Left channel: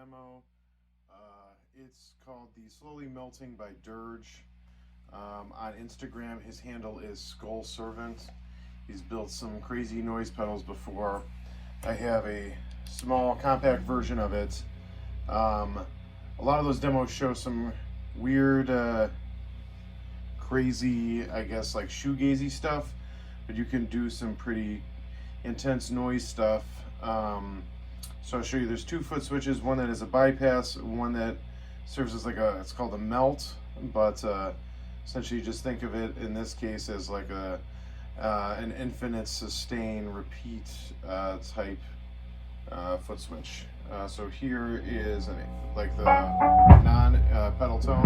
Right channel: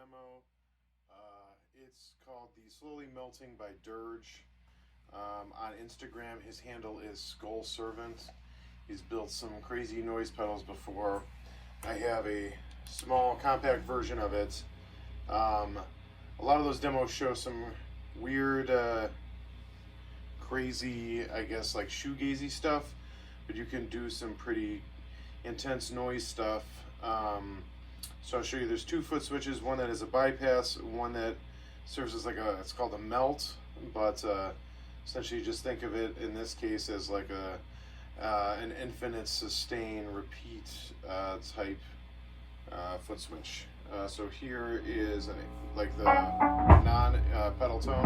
demo. It's called The Slowly Melting by Dirge. On Instagram, his handle is Skull Servant. He's built some crazy noise pedals before. I have a small compact version of it. A lot of those demos show some weird, crazy, I guess, like shoegazy stuff, but you can do some pretty intense noise stuff. So I'll show you, there's two foot switches, one that is a bypass, one that serves as like it's called a melt, but essentially just think of it in this case as like an infinite sustain repeat type foot switch. So here is like the non pedal tone.